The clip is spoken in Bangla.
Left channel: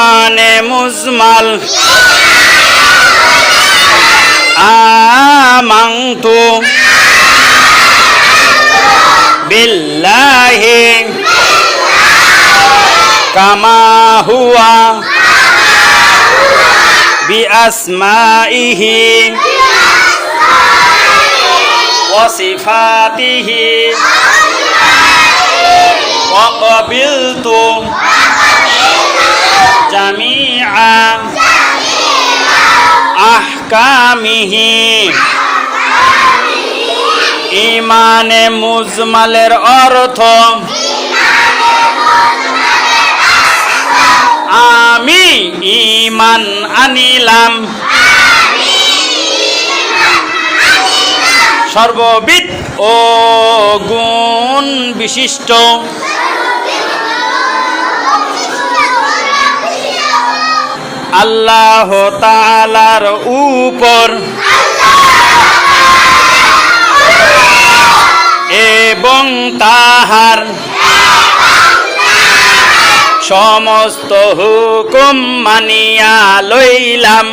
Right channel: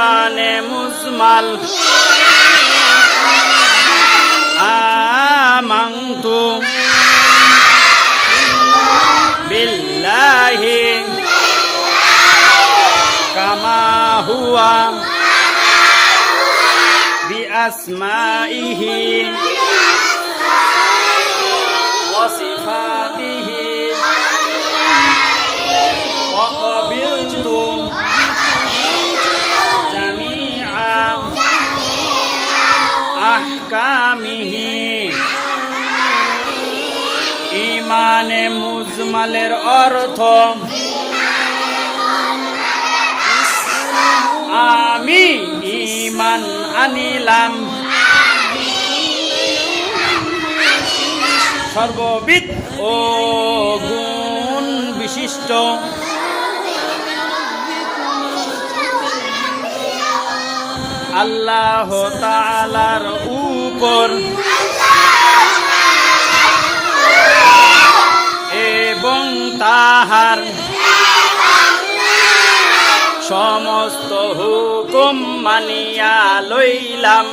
ইমানে মুজমাল আমানতু বিল্লাহি কামা হুয়া বিআসমাইহি ওয়া সিফাতিহি ওয়া ক্বাবিলতু জামিআ আহকামিহি। ইমানে মুজমালের অর্থ আমি ঈমান আনিলাম সর্ববিদ ও গুণ বিশিষ্ট আল্লাহ তাআলার উপর এবং তাহার সমস্ত হুকুম মানিয়া লইলাম।